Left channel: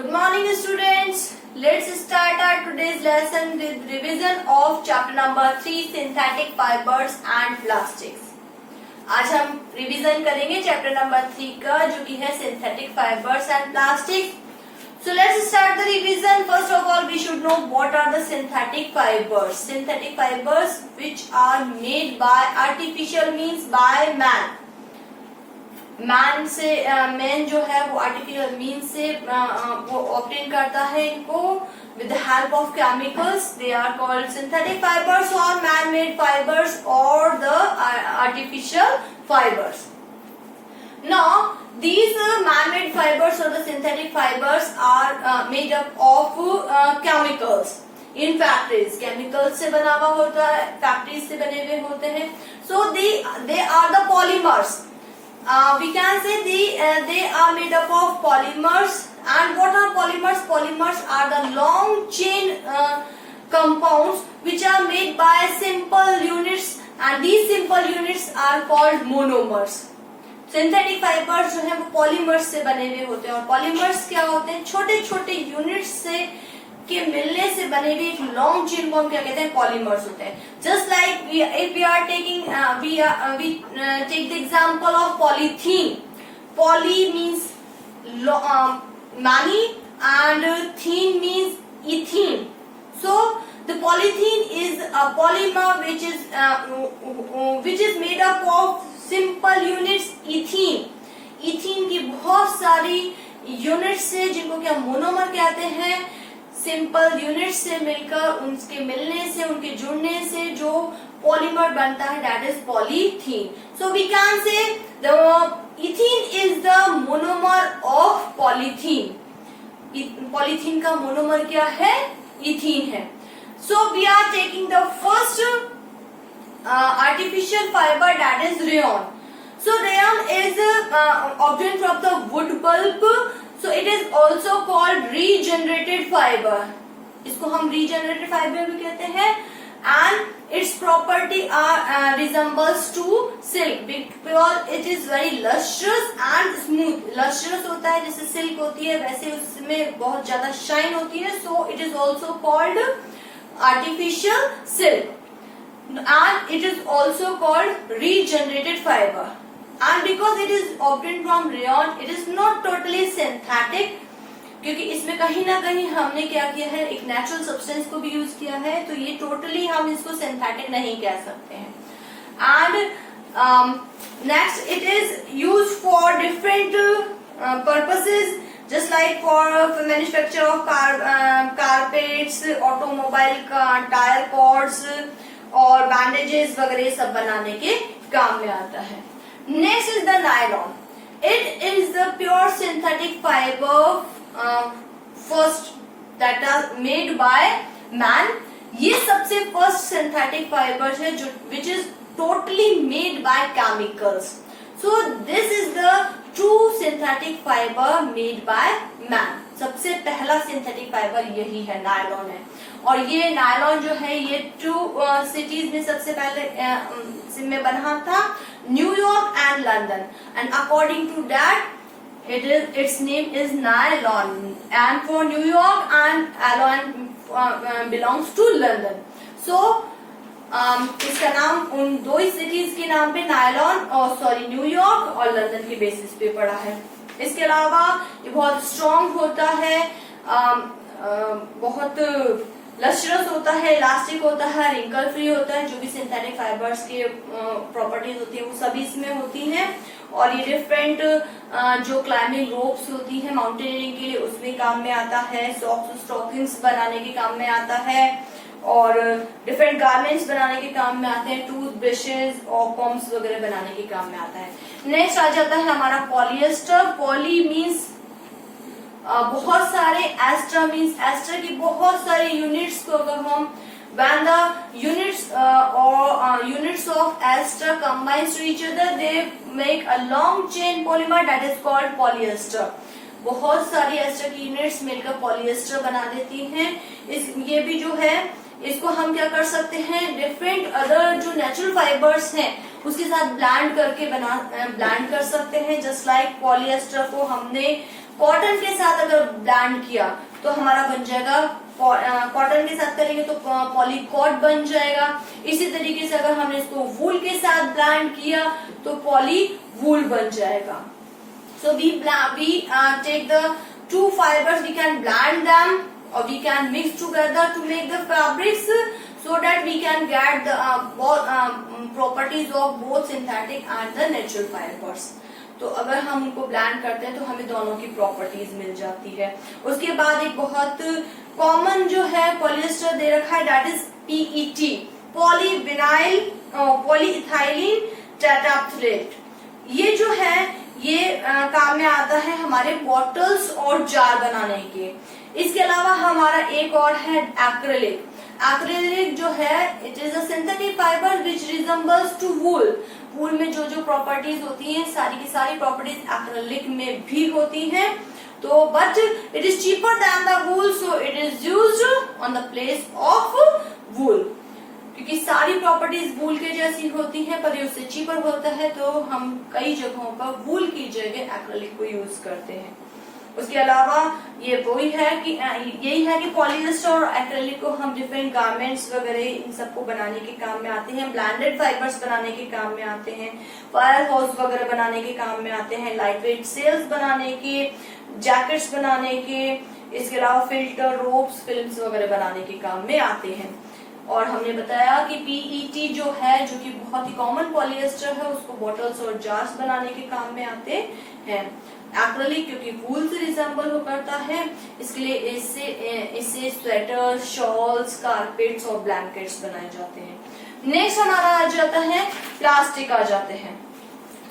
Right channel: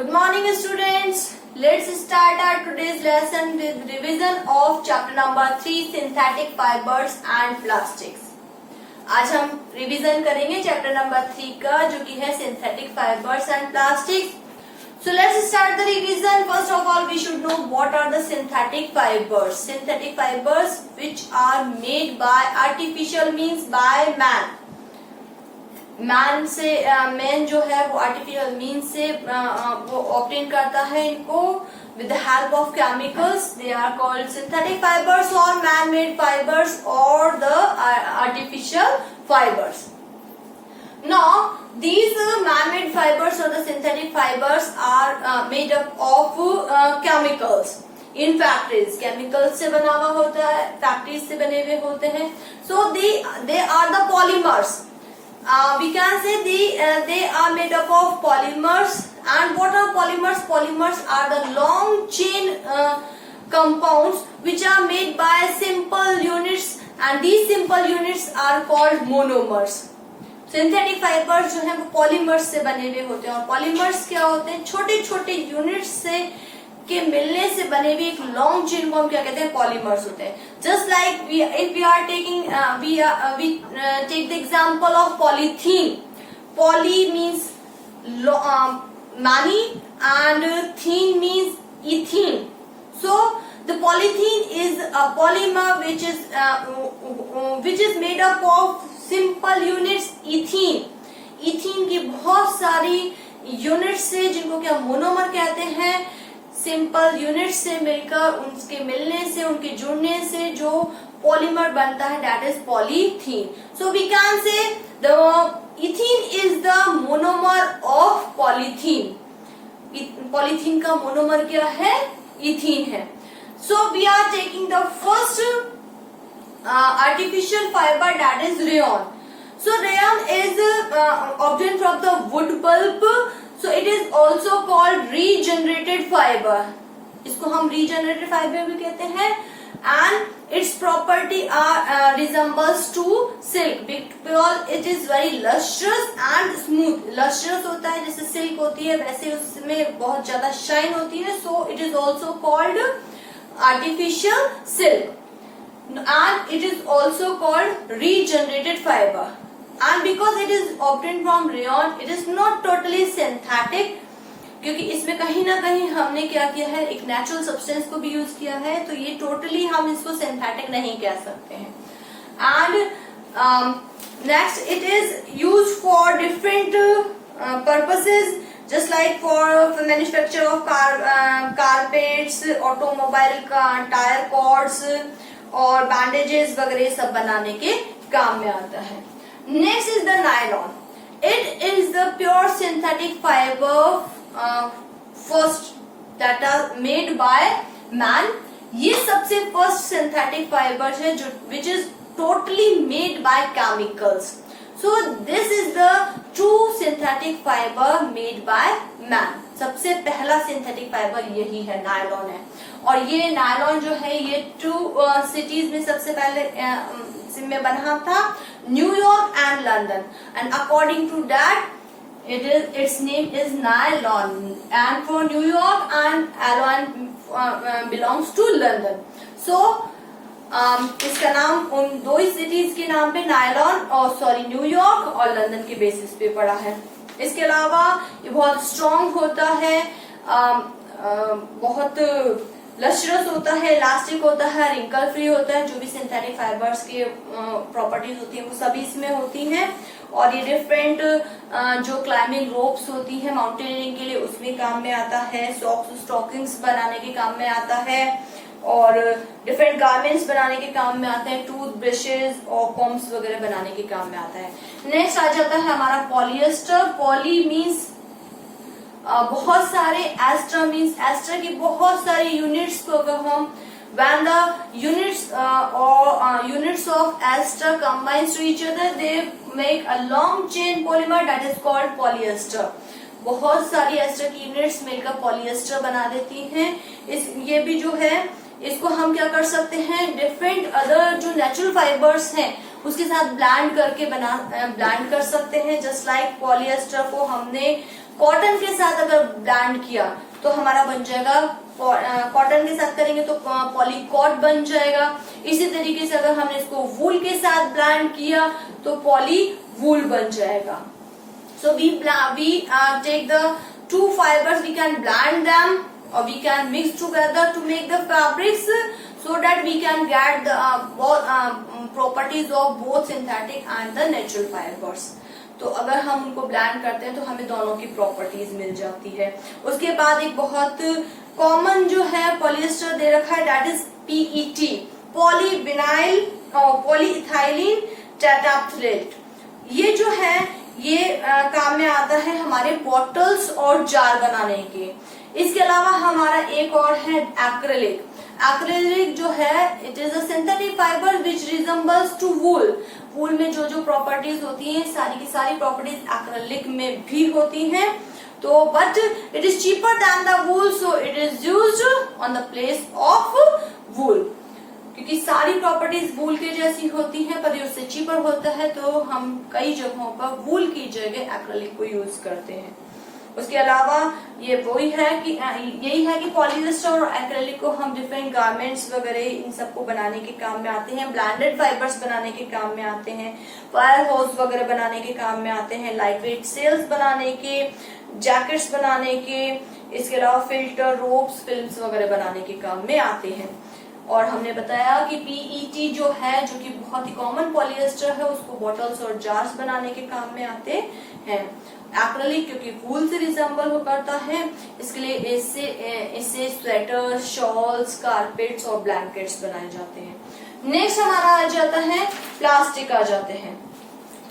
Good morning students. Let's start our today's lesson with revision of chapter number 3 synthetic fibers and plastics. आज हम revision करेंगे chapter number 3 का जो कि है synthetic fibres and plastics. So let's start the revision. First of all, we should know what are the synthetic fibers. Synthetic fibers which are made by artificial means by man. Man से man जो है वो artificial mean से वो obtain करता है इनको with the help of chemicals. They are called synthetic fibres और मैन मेड फाइबर्स और the artificial fibres. Now these man-made fibers or the synthetic fibers are made up of chemicals in factories. Chemicals से बना हुआ होता है, factories से बने हुए होते हैं. So they are the polymers. We can say they are made up of polymers. And what are polymers? Polymers are the long chain compounds which are made by simple units, and these simple units are called monomers. Synthetic fibres जो है वो polymers से बने हुए होते हैं. और polymers क्या होते हैं? छोटे छोटे यूनिट्स से के मिलने से बने हुए एक लॉन्ग चेन को हम क्या कहते हैं? पॉलीमर्स होते हैं. Just like if we are taking we take the example of polythene. Poly means many and thene means ethene. So the polythene is a polymer which is made up of simple units ethene. Ethene की बहुत सारी units से जिनको क्या monomer कहते हैं, simple units से मिलकर उनके मिलने से उनके जुड़ने से जो पॉलीमर बनता है that is polythene. So we can say the ethene is the monomer of polythene. Polythene का मोनोमर क्या है? इथीन है. So we are taking the first artificial fiber, that is rayon. So rayon is obtained from the wood pulp. So it is also called regenerated fiber. इसको हम regenerated fiber भी कहते हैं. And its property resembles to silk because it is very lustrous and smooth. Lustrous होता है जैसे silk होती है, वैसे उसमें बहुत ज्यादा shine होती है. So it is also called artificial silk. And it is also called regenerated fiber. And because it is obtained from rayon, it is not totally synthetic. क्योंकि इसमें कहीं ना कहीं हमने क्या किया है? एक नेचुरल सब्सटेंस को भी यूज किया है, तो ये टोटली हम इसको सिंथेटिक नहीं कह सकते हैं. And next it is use for different purposes, just like for manufacture of carpets, automobile tyre cords और बैंडेजेस वगैरह सब बनाने के काम में आता है. Next is the nylon. It is the pure synthetic fibre first that are made by man. ये सबसे फर्स्ट सिंथेटिक फाइबर्स है जो which is totally made by chemicals. So this is the true synthetic fibre made by man. सबसे पहला synthetic fibre यही है, nylon है. और ये नायलॉन जो है ये 2 सिटीज में सबसे पहले में बना था, New York and London. And according to that it's name is nylon, and for New York and alone belongs to London. So इसका नाम उन 2 सिटीज के नाम पे नायलॉन और न्यूयॉर्क और लंदन के बेसिस पे पड़ा है. इसके अलावा ये बहुत स्ट्रॉन्ग होता है, बहुत लस्ट्रस होता है, इलास्टिक होता है, रिंकल फ्री होता है. जो भी सिंथेटिक फाइबर्स के प्रॉपर्टीज होती है वो सभी इसमें होती हैं. और ये डिफरेंट जो क्लाइंबिंग रोप्स होती है माउंटेनियरिंग के लिए उसमें काम में आता है. सॉक्स स्टॉकिंग्स बनाने के काम में आता है और डिफरेंट गारमेंट्स बनाने के काम में आते हैं. टूथ ब्रशेज और पॉम्स वगैरह बनाने के काम में आता है. नेक्स्ट आ जाता है हमारा पॉलिएस्टर. पॉली मीन्स बहुत सारे, एस्टर मीन्स एस्टर की बहुत सारी यूनिट्स को अगर हम when the units of ester combines to each other they make a long chain polymer that is called polyester. बहुत सारी एस्टर की यूनिट्स मिलकर पॉलिएस्टर बना देती हैं. ये भी जो है इसको हम क्या कर सकते हैं? डिफरेंट अदर जो नेचुरल फाइबर्स हैं उसके साथ ब्लेंड करके ब्लेंड कर सकते हैं. जस्ट लाइक पॉलिएस्टर को हमने कॉटन के साथ अगर ब्लेंड किया तो हमारा बन जाएगा, कॉटन के साथ करेंगे तो पॉलीकॉट बन जाएगा। इसी तरीके से अगर हमने इसको वूल के साथ ब्लेंड किया तो पॉली वूल बन जाएगा। So we take the two fibers, we can blend them or we can mix together to make the fabrics, so that we can get the properties of both synthetic and the natural fibers. तो अगर हम उनको blend करते हैं तो हमें दोनों की प्रॉपर्टीज मिल जाती है। उसके बाद एक बहुत कॉमन जो है पॉलिएस्टर दे रखा है, that is PET, polyvinyl polyethylene terephthalate. ये जो है ये काम में आता है हमारे बॉटल्स और जार बनाने के। इसके अलावा हमारा एक और है एक्रेलिक। एक्रेलिक जो है it is a synthetic fibre which resembles to wool. Wool में जो जो प्रॉपर्टीज होती हैं सारी की सारी प्रॉपर्टीज एक्रेलिक में भी होती हैं। तो but it is cheaper than the wool, so it is used on the place of wool. क्योंकि सारी प्रॉपर्टीज वूल के जैसी होती हैं पर ये उससे चीपर होता है, तो हम कई जगहों पर वूल की जगह एक्रेलिक को यूज करते हैं। उसके अलावा ये वही है कि यही है कि पॉलिएस्टर और एक्रेलिक को हम डिफरेंट गारमेंट्स वगैरह इन सबको बनाने के काम में आते हैं, ब्लेंडेड फाइबर्स बनाने के काम में आते हैं, फायर हाउस वगैरह बनाने के काम में आते हैं, लाइट वेट सेल्स बनाने के, जैकेट्स बनाने के, इसके अलावा फिल्टर, रोप्स, फिल्म्स वगैरह बनाने के काम में आते हैं। और हमने बताया कि PET जो है, जो कि बहुत ही कॉमन पॉलिएस्टर है, उसको बॉटल्स और जार्स बनाने के काम में आते हैं। एक्रेलिक क्योंकि वूल से रिजेंबल करता है, इसके लिए इससे स्वेटर, शॉल्स, कारपेट्स और ब्लैंकेट्स बनाए जाते हैं। नेक्स्ट हमारा आ जाता है प्लास्टिक आ जाते हैं।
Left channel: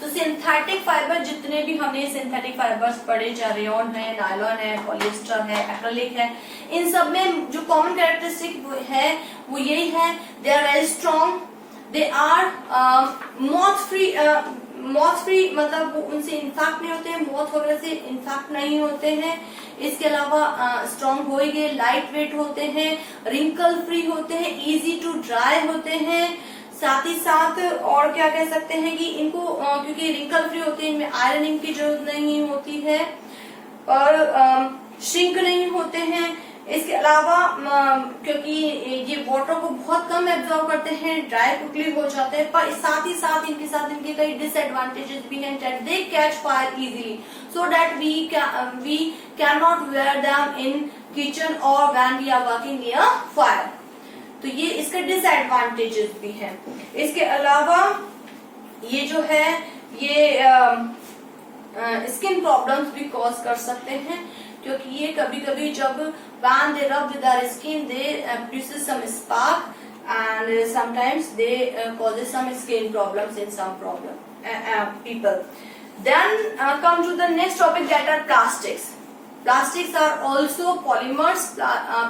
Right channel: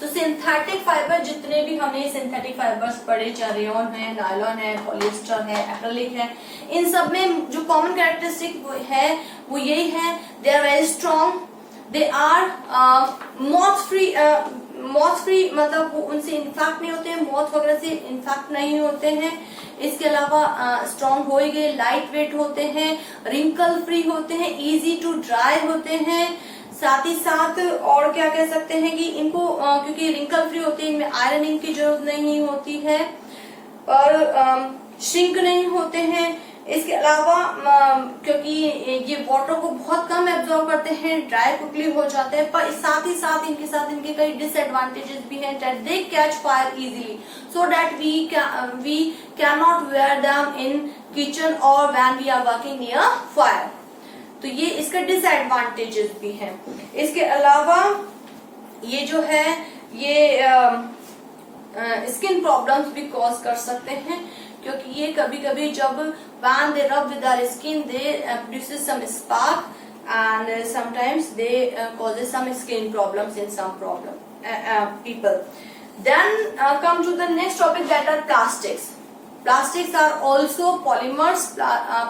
तो सिंथेटिक फाइबर जितने भी हमने सिंथेटिक फाइबर्स पढ़े, चाहे रेयॉन है, नायलॉन है, पॉलिएस्टर है, एक्रेलिक है, इन सब में जो कॉमन कैरेक्टरिस्टिक है वो यही है, they are very strong, they are moth free, मतलब वो उनसे इन्फेक्ट नहीं होते हैं, मॉथ वगैरह से इन्फेक्ट नहीं होते हैं। इसके अलावा स्ट्रॉन्ग हो ही गए, लाइट वेट होते हैं, रिंकल फ्री होते हैं, इजी टू ड्राई होते हैं। साथ ही साथ और क्या कह सकते हैं कि इनको क्योंकि रिंकल फ्री होते हैं, इनमें आयरनिंग की जरूरत नहीं होती है और श्रिंक नहीं होते हैं। इसके अलावा क्योंकि ये वाटर को बहुत कम एब्जॉर्ब करते हैं, ड्राई क्विकली हो जाते हैं, पर साथ ही साथ इनके कई डिसएडवांटेजेस भी हैं, that they catch fire easily, so that we can not wear them in kitchen और when we are working near fire. तो ये इसका डिसएडवांटेजेस भी हैं। इसके अलावा ये जो है ये स्किन प्रॉब्लम्स भी कॉज कर सकते हैं, क्योंकि ये कभी कभी जब when they rub with our skin they produces some spark and sometimes they causes some skin problems in some people. Then come to the next topic, that are plastics. Plastics are also polymers.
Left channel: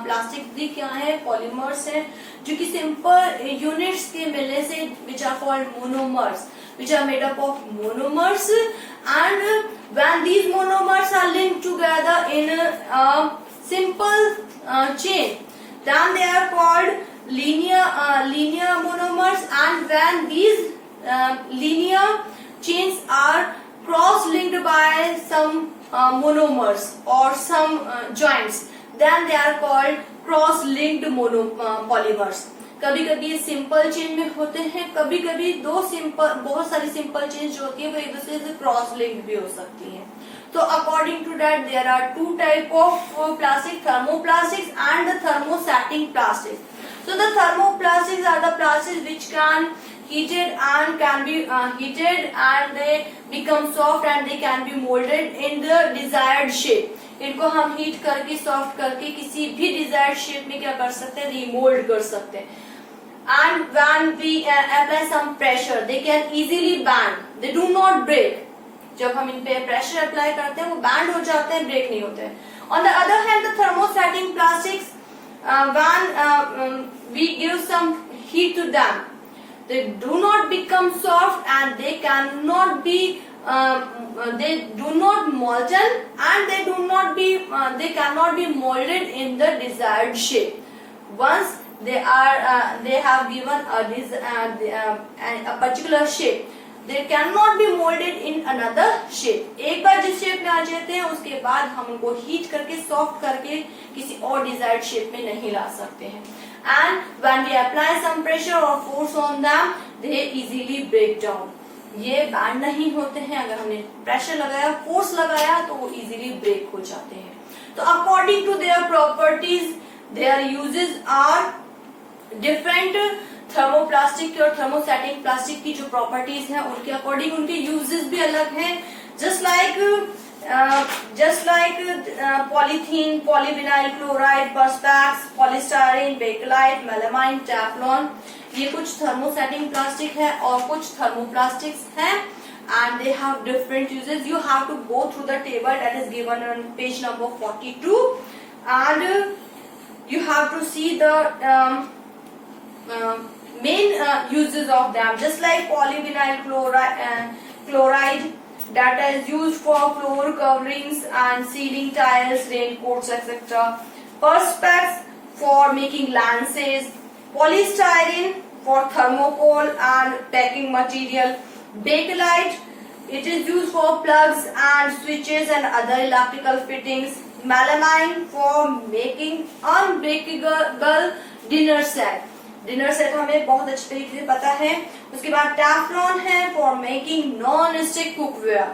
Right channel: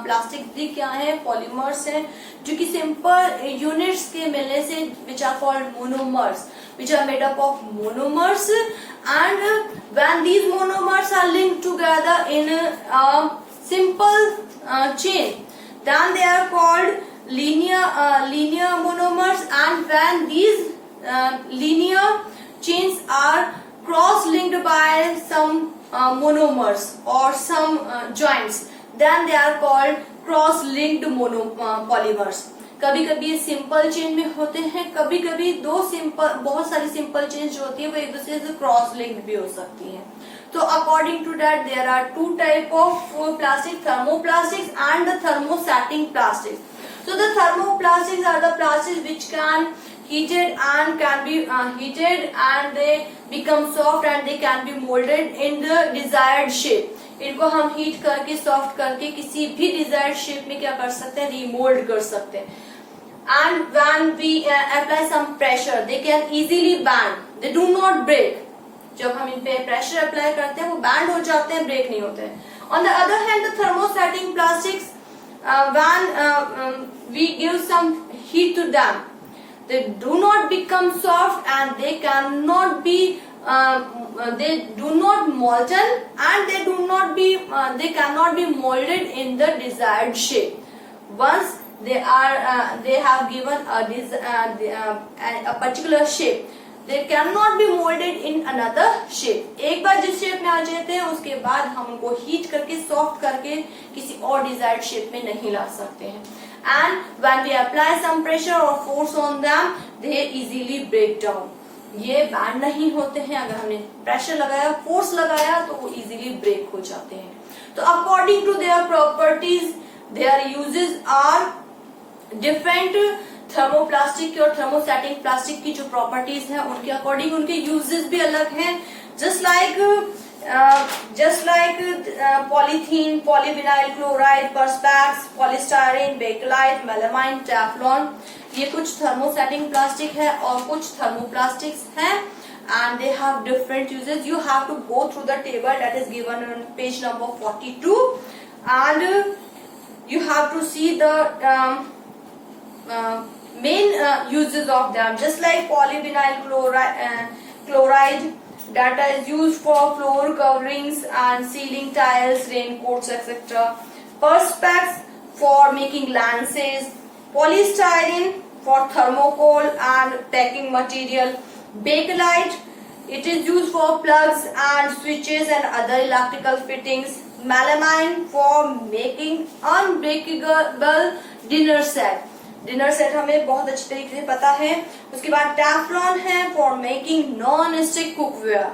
Plastic भी क्या है, polymers हैं, जो कि simple units के मिलने से which are called monomers, which are made up of monomers, and when these monomers are linked together in a simple chain, then they are called linear monomers, and when these linear chains are cross-linked by some monomers or some joints, then they are called cross-linked polymers. कभी कभी ये simple chain में होते हैं, कभी कभी बहुत सारी सिंपल चेन जो होती है वो एक दूसरे से क्रॉस लिंक भी हो सकती हैं। तो according to that there are two type of plastic, thermoplastics and the thermostatic plastics. So the thermoplastics are the plastics which can can be heated and they become soft and they can be molded in the desired shape. इनको हम heat करके soft करके किसी भी desired shape में क्या कर सकते हैं, रिमोल्ड कर सकते हैं। And when we apply some pressure, they can easily bend. They do not break. जब हम इन पे प्रेशर अप्लाई करते हैं वो बैंड हो जाते हैं, ब्रेक नहीं होते हैं। On the other hand, the thermostatic plastics, when we give some heat to them, they do not become soft and they cannot be they do not molten and they cannot be molded in the desired shape. Once they have given a particular shape, they can not be moulded in another shape. एक बार जिस shape में आ जाते हैं उसके बाद हम उनको heat करके सॉफ्ट करके किसी और डिजायर्ड शेप में नहीं ला सकते हैं। And when we apply some pressure और force on them they easily break down. ये बैंड नहीं होते हैं, अगर हमने प्रेशर लगाया फोर्स लगाया तो वो इजीली ब्रेक हो जाते हैं। तो according to their properties their uses are different. Thermoplastic और थर्मोस्टैटिक प्लास्टिक की जो प्रॉपर्टीज हैं उनके अकॉर्डिंग उनके यूजेस भी अलग हैं। Just like polythene, polyvinyl chloride, perspex, polystyrene, bakelite, melamine, teflon, ये कुछ थर्मोस्टैटिक प्लास्टिक है और कुछ थर्मोप्लास्टिक्स हैं and they have different uses. You have to go through the table that is given on page number 42 and you have to see the main uses of them. Just like polyvinyl chloride that is used for floor coverings and ceiling tiles, raincoats, etc. Perspex for making lances, polystyrene for thermocol and packing material, bakelite it is used for plugs and switches and other electrical fittings, melamine for making unbreakable dinner set. Dinner set हमें बहुत अच्छी तरीके से पता है। उसके बाद Teflon है for making non stick cookware.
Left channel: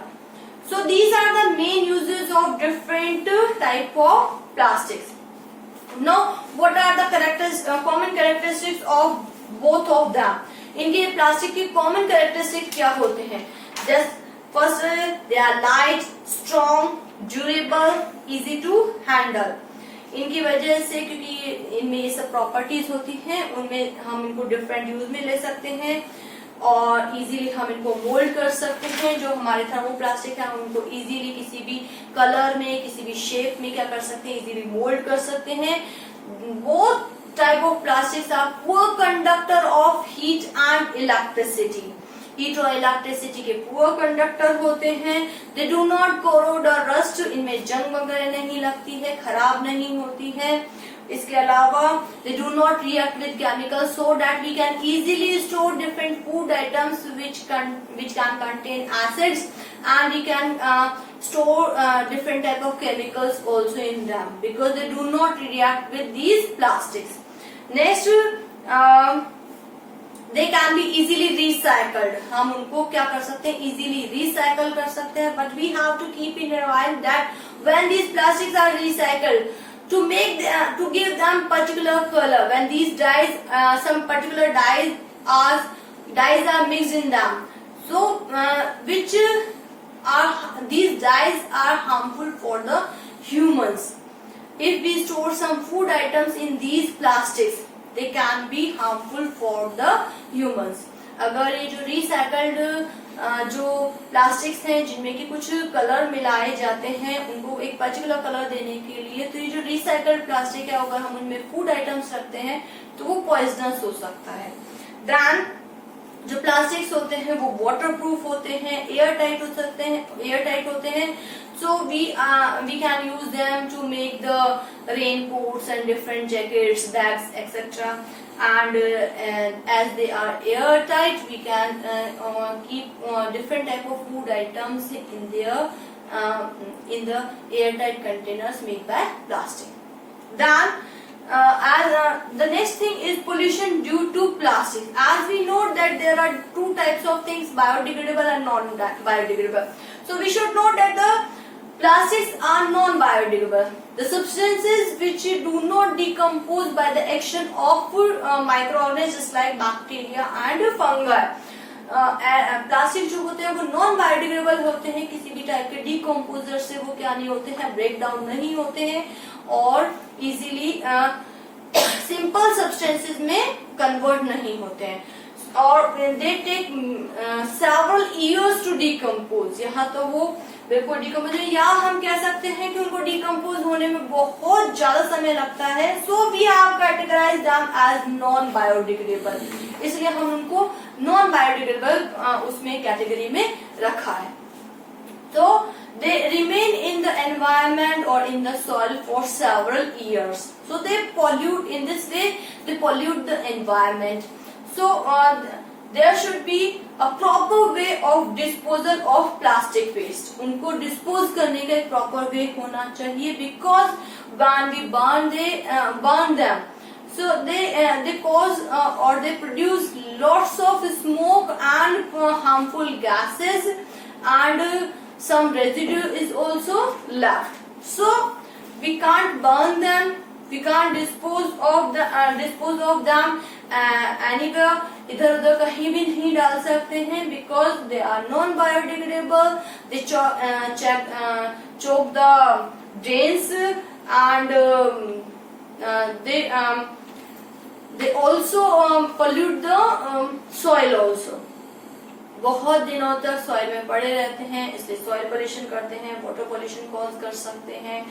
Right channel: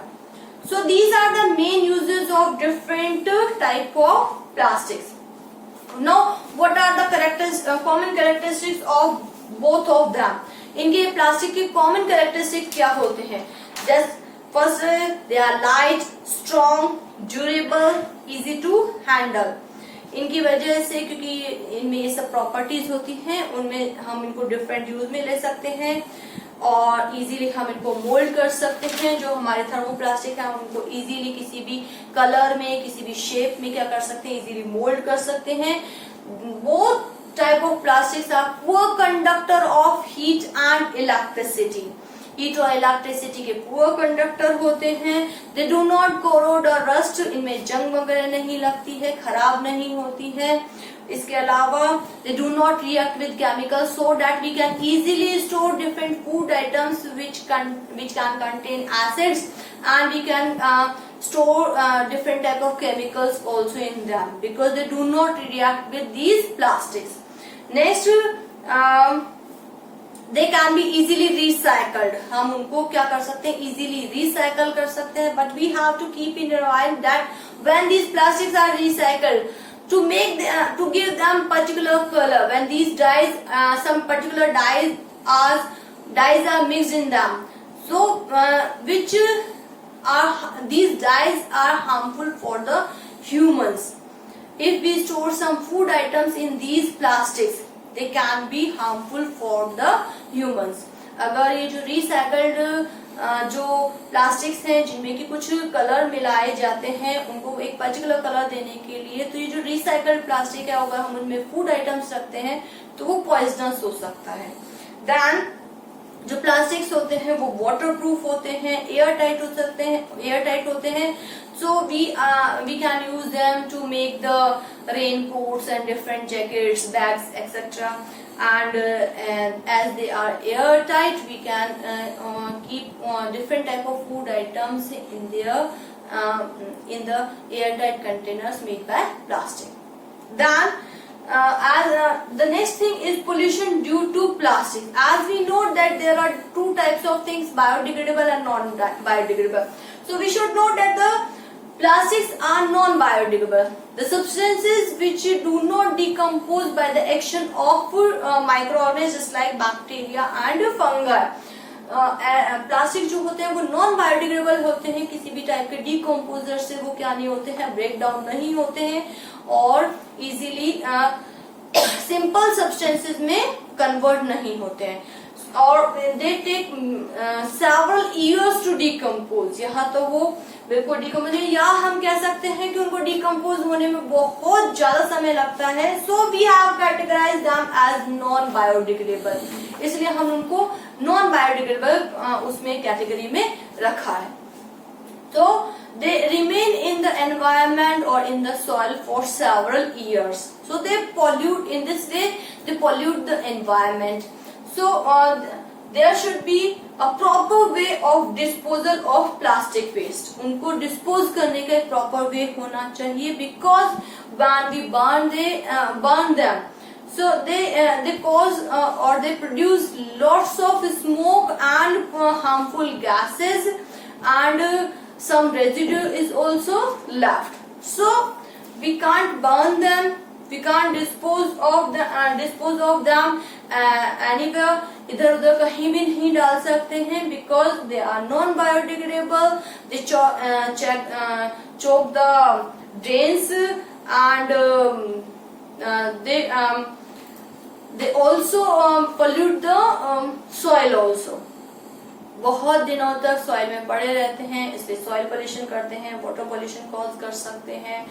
So these are the main uses of different type of plastics. Now what are the common characteristics of both of them. इनके प्लास्टिक के कॉमन कैरेक्टरिस्टिक्स क्या होते हैं? Just first they are light, strong, durable, easy to handle. इनकी वजह से क्योंकि इनमें ये सब प्रॉपर्टीज होती हैं उनमें हम इनको डिफरेंट यूज में ले सकते हैं और इजीली हम इनको मोल्ड कर सकते हैं। जो हमारे थर्मोप्लास्टिक है हम उनको इजीली किसी भी कलर में किसी भी शेप में क्या कर सकते हैं, इजीली मोल्ड कर सकते हैं। Both type of plastics are poor conductor of heat and electricity. Heat और इलेक्ट्रिसिटी के पुअर कंडक्टर होते हैं। दे डू नॉट कोरोड और रस्ट, इनमें जंग वगैरह नहीं लगती है, खराब नहीं होती है। इसके अलावा they do not react with chemicals so that we can easily store different food items which can contain acids and we can store different type of chemicals also in them because they do not react with these plastics. Next they can be easily recycled. हम उनको क्या कर सकते हैं, easily recycle कर सकते हैं, but we have to keep in mind that when these plastics are recycled, to give them particular color, when these dyes, some particular dyes are mixed in them, so these dyes are harmful for the humans. If we store some food items in these plastics, they can be harmful for the humans. अगर ये जो recycled जो plastics हैं जिनमें कि कुछ colour मिलाए जाते हैं उनको एक पर्टिकुलर कलर देने के लिए, तो ये जो रिसाइकल्ड प्लास्टिक है अगर हम उनमें फूड आइटम्स रखते हैं तो वो पॉइजनस हो सकता है। देन जो प्लास्टिक्स होते हैं वो वाटर प्रूफ होते हैं, एयर टाइट होते हैं। So we can use them to make the raincoats and different jackets, bags, etc. And as they are airtight, we can keep different type of food items in the airtight containers made by plastic. Then the next thing is pollution due to plastic. As we know that there are two types of things, biodegradable and non-biodegradable. So we should note that the plastics are non-biodegradable. The substances which do not decompose by the action of microorganisms just like bacteria and fungi. Plastic जो होते हैं वो non biodegradable होते हैं, किसी भी type के decomposer से वो क्या नहीं होते हैं, ब्रेक डाउन नहीं होते हैं और इजीली सिंपल सब्सटेंसेस में कन्वर्ट नहीं होते हैं और they take several years to decompose. यहाँ तो वो बिल्कुल डिकम्पोज, या हम कह सकते हैं कि उनको डिकम्पोज होने में बहुत ज्यादा समय लगता है। So we have categorise them as non biodegradable, इसलिए हम उनको नॉन बायोडिग्रेडेबल उसमें कैटेगरी में रखा है। तो they remain in the environment or in the soil for several years, so they pollute, in this way they pollute the environment. So there should be a proper way of disposal of plastic waste. उनको dispose करने का एक proper way होना चाहिए, because when we burn them, so they cause or they produce lots of smoke and harmful gases, and some residue is also left. So we can't burn them, we can't dispose of them anywhere. इधर उधर कहीं भी नहीं डाल सकते हैं, because they are non biodegradable. They choke the drains, and they also pollute the soil also. बहुत दिनों तक सॉइल में पड़े रहते हैं, इसलिए सॉइल पोल्यूशन करते हैं, वाटर पोल्यूशन कॉज कर सकते हैं.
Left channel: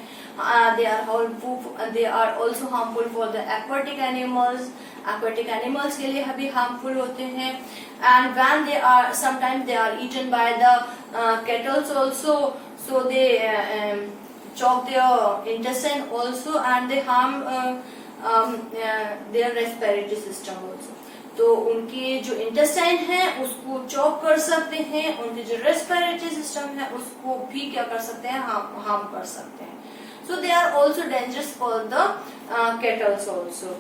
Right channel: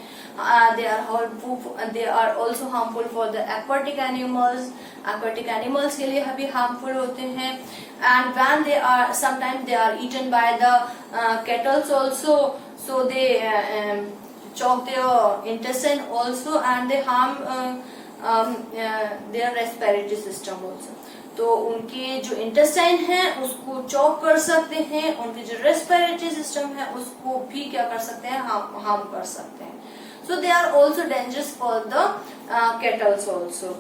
They are also harmful for the aquatic animals. Aquatic animals के लिए भी हार्मफुल होते हैं. And when they are sometimes they are eaten by the cattles also, so they choke their intestine also, and they harm their respiratory system also. तो उनकी जो intestine है उसको चॉक कर सकते हैं, उनकी जो रेस्पिरेटरी सिस्टम है उसको भी क्या कर सकते हैं, हार्म कर सकते हैं. So they are also dangerous for the cattles also.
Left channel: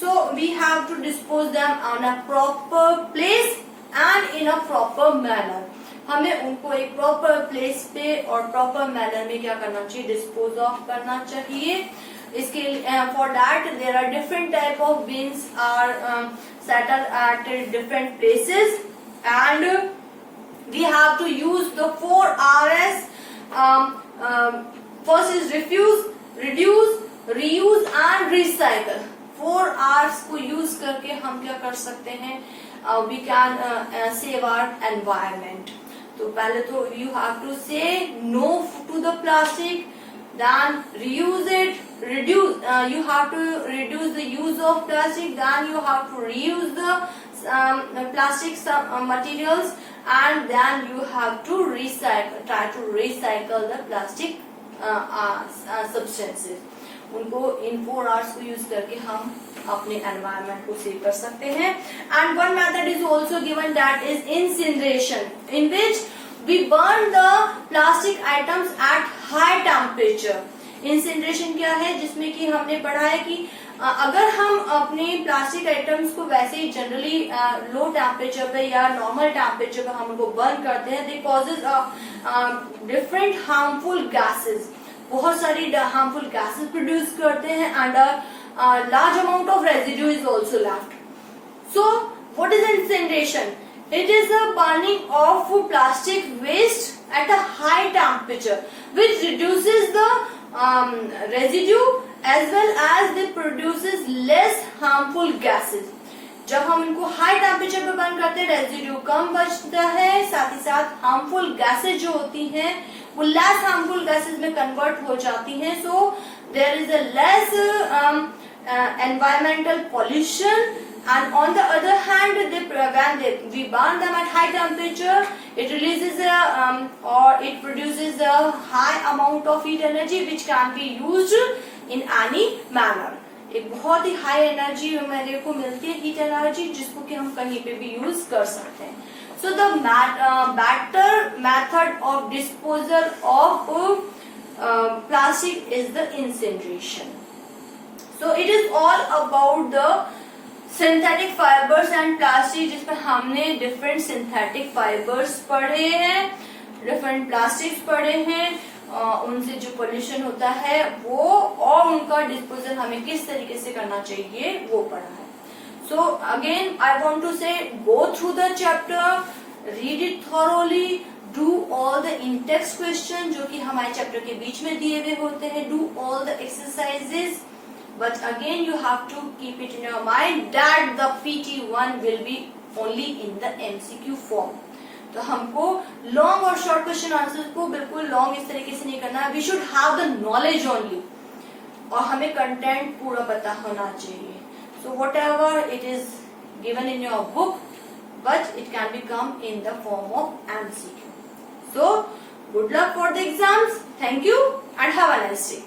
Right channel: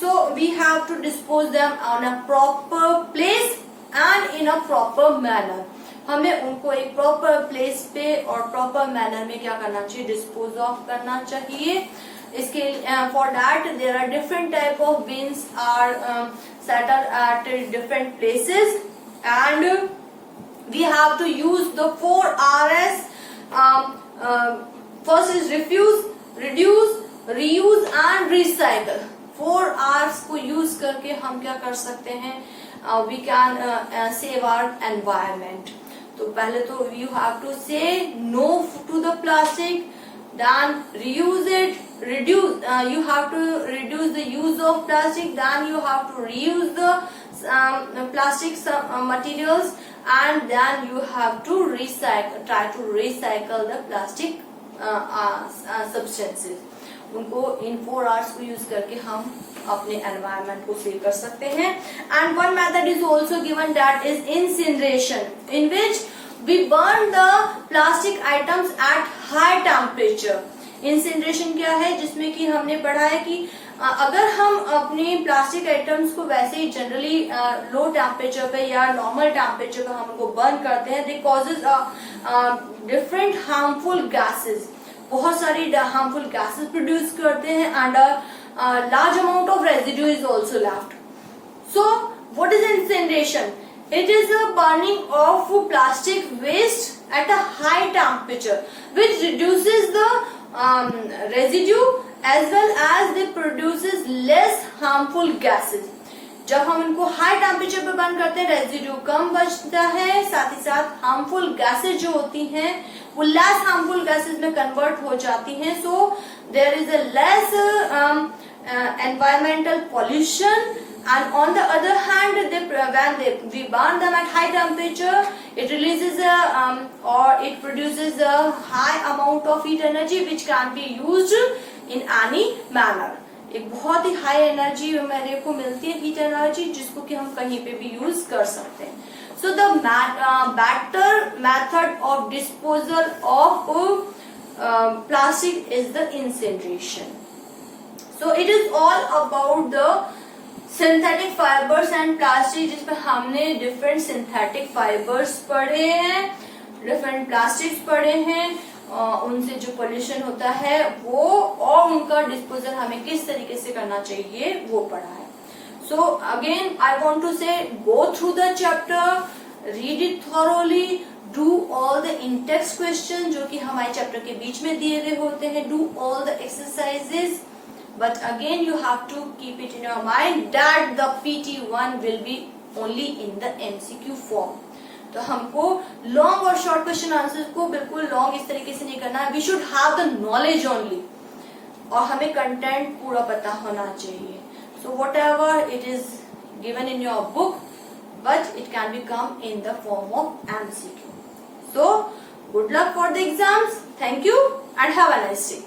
So we have to dispose them on a proper place and in a proper manner. हमें उनको एक प्रॉपर प्लेस पे और प्रॉपर मैनर में क्या करना चाहिए, डिस्पोज ऑफ करना चाहिए. इसके for that there are different type of bins are set at different places, and we have to use the 4 Rs. First is refuse, reduce, reuse and recycle. 4 Rs को use करके हम क्या कर सकते हैं, we can save our environment. तो पहले तो you have to say no to the plastic, then reuse it, reduce, you have to reduce the use of plastic, then you have to reuse the plastic materials, and then you have to try to recycle the plastic substances. उनको इन 4 Rs को use करके हम अपने environment को save कर सकते हैं. And one method is also given, that is incineration, in which we burn the plastic items at high temperature. Incineration क्या है, जिसमें कि हमने पढ़ा है कि अगर हम अपने प्लास्टिक आइटम्स को वैसे ही जनरली लो टेम्परेचर पे या नॉर्मल टेम्परेचर पे हम उनको बर्न करते हैं, दे कॉजेज डिफरेंट हार्मफुल गैसेस. बहुत सारी हार्मफुल गैसेस प्रोड्यूस करते हैं, and large amount of residue is also left. So what is incineration? It is the burning of plastic waste at a high temperature, which reduces the residue as well as they produces less harmful gases. जब हम इनको high temperature पे burn करते हैं, residue कम बचता है, साथ ही साथ हार्मफुल गैसेज जो होती हैं वो लेस हार्मफुल गैसेज में कन्वर्ट हो जाती हैं. So there is a less environmental pollution, and on the other hand when we burn them at high temperature, it releases or it produces a high amount of heat energy which can be used in any manner. एक बहुत ही high energy मेरे को मिलती है, heat energy, जिसको कि हम कहीं पे भी यूज कर सकते हैं. So the better method of disposal of plastic is the incineration. So it is all about the synthetic fibers and plastic, जिसमें हमने different synthetic fibers पढ़े हैं, different plastics पढ़े हैं, उनसे जो pollution होता है वो, और उनका disposal हमें किस तरीके से करना चाहिए वो पढ़ा है. So again I want to say, go through the chapter, read it thoroughly, do all the in-text questions जो कि हमारे चैप्टर के बीच में दिए हुए होते हैं, do all the exercises. But again you have to keep it in your mind that the PT1 will be only in the MCQ form. तो हमको लॉन्ग और शॉर्ट क्वेश्चन आंसर को बिल्कुल लॉन्ग इस तरीके से नहीं करना. We should have the knowledge only, और हमें कंटेंट पूरा पता होना चाहिए. So whatever it is given in your book, but it can be come in the form of MCQ. So good luck for the exams. Thank you and have a nice day.